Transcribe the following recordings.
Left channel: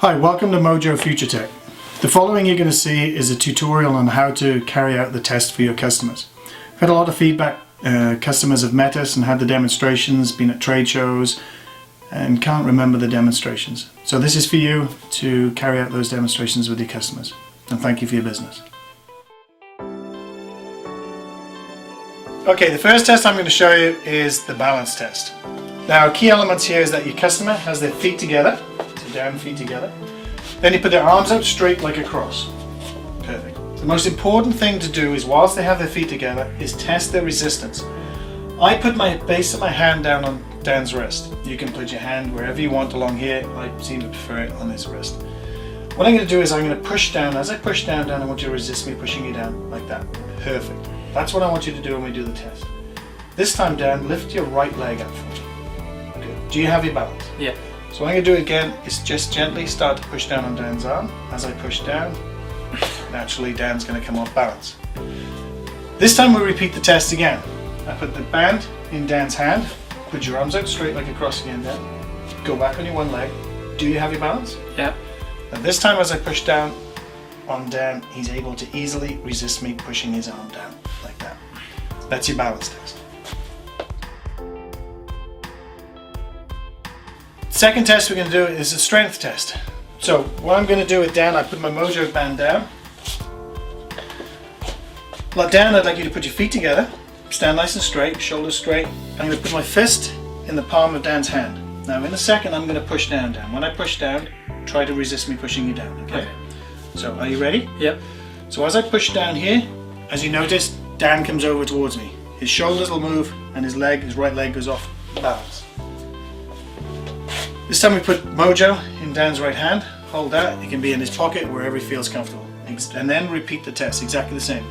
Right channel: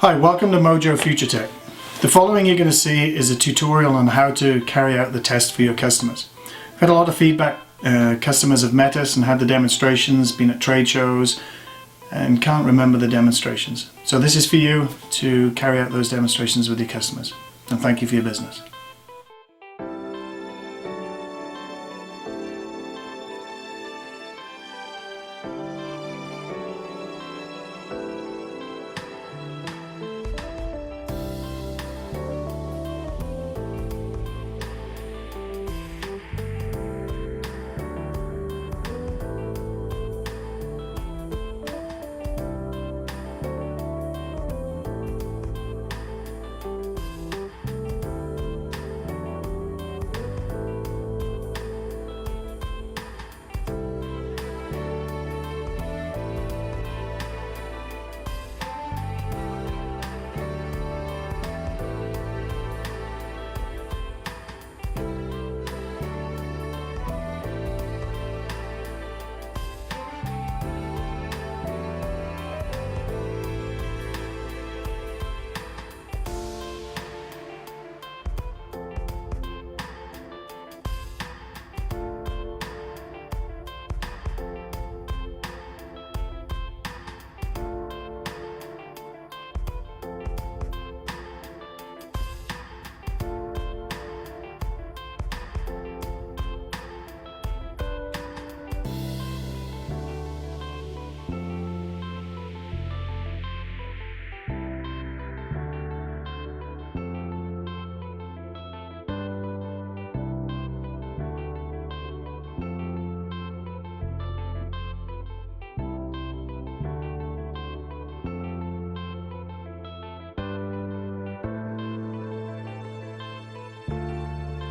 Hi, welcome to Mojo Future Tech. The following you're going to see is a tutorial on how to carry out the test for your customers. We've had a lot of feedback. Customers have met us and had the demonstrations, been at trade shows, and can't remember the demonstrations. So this is for you to carry out those demonstrations with your customers. And thank you for your business. Okay, the first test I'm going to show you is the balance test. Now, key elements here is that your customer has their feet together, so down feet together. Then you put their arms out straight like a cross. Perfect. The most important thing to do is, whilst they have their feet together, is test their resistance. I put my base of my hand down on Dan's wrist. You can put your hand wherever you want along here. I seem to prefer it on his wrist. What I'm going to do is I'm going to push down. As I push down, I want you to resist me pushing you down like that. Perfect. That's what I want you to do when we do the test. This time, Dan, lift your right leg up for me. Good. Do you have your balance? Yeah. So what I'm going to do again is just gently start to push down on Dan's arm. As I push down, naturally Dan's going to come off balance. This time we repeat the test again. I put the band in Dan's hand. Put your arms out straight like a cross again, Dan. Go back on your one leg. Do you have your balance? Yeah. And this time as I push down on Dan, he's able to easily resist me pushing his arm down like that. That's your balance test. Second test we're going to do is a strength test. So what I'm going to do with Dan, I put my Mojo band down. Like Dan, I'd like you to put your feet together, stand nice and straight, shoulders straight. I'm going to put my fist in the palm of Dan's hand. Now in a second I'm going to push down, Dan. When I push down, try to resist me pushing you down, okay? So are you ready? Yep. So as I push down here, as you notice, Dan comes over towards me. His shoulders will move and his right leg goes off balance. This time we put Mojo in Dan's right hand. Hold that. It can be in his pocket, wherever he feels comfortable. And then repeat the test, exactly the same.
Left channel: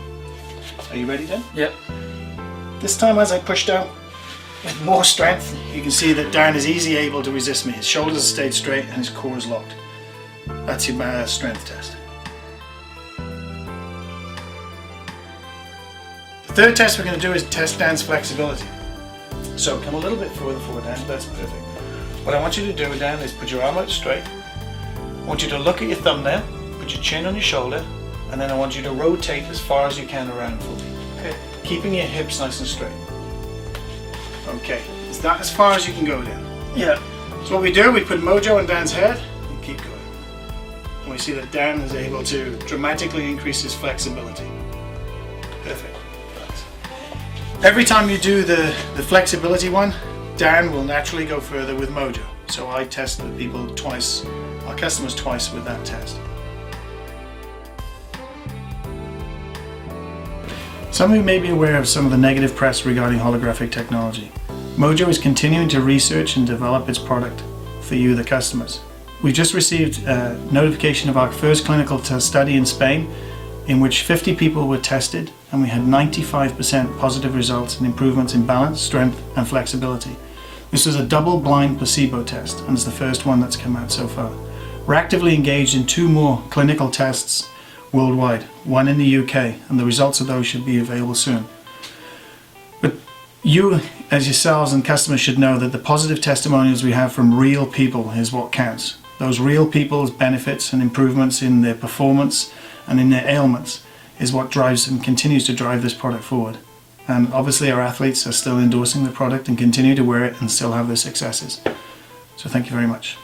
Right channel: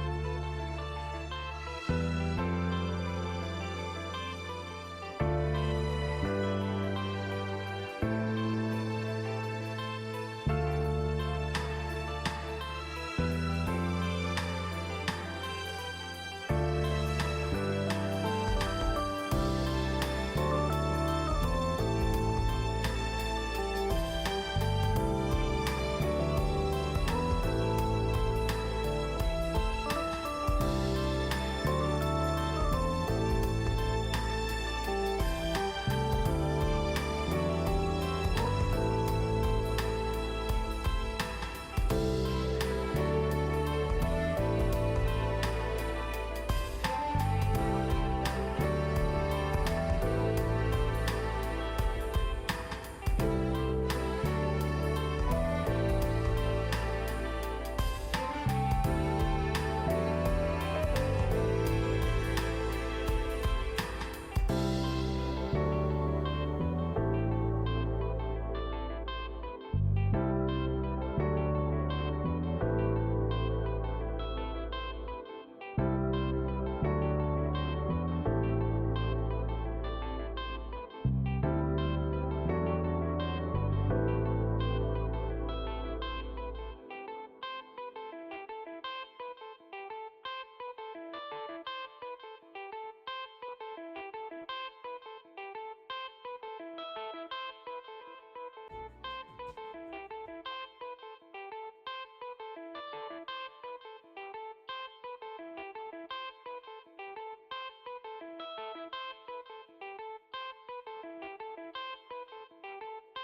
Are you ready, Dan? Yep. This time as I push down with more strength, you can see that Dan is easily able to resist me. His shoulders stayed straight and his core is locked. That's your strength test. The third test we're going to do is test Dan's flexibility. So come a little bit further forward, Dan. That's perfect. What I want you to do, Dan, is put your arm out straight. I want you to look at your thumbnail, put your chin on your shoulder, and then I want you to rotate as far as you can around for me. Okay. Keeping your hips nice and straight. Okay. Is that as far as you can go, Dan? Yeah. So what we do, we put Mojo on Dan's head and keep going. And we see that Dan is able to dramatically increase his flexibility. Perfect. Every time you do the flexibility one, Dan will naturally go further with Mojo. So I test the people twice, our customers twice with that test. Some of you may be aware of some of the negative press regarding holographic technology. Mojo is continuing to research and develop its product for you, the customers. We just received a notification of our first clinical study in Spain, in which 50 people were tested, and we had 95% positive results and improvements in balance, strength, and flexibility. This was a double-blind placebo test, and it's the first one that's come out so far. We're actively engaged in 2 more clinical tests worldwide, one in the UK, and the results of those should be available soon. But you, as yourselves and customers, should know that the positive testimonials we have from real people is what counts. Those real people's benefits and improvements in their performance and in their ailments is what drives and continues to drive this product forward. And obviously our athletes are still endorsing the product and continue to wear it and still have their successes. So thank you very much.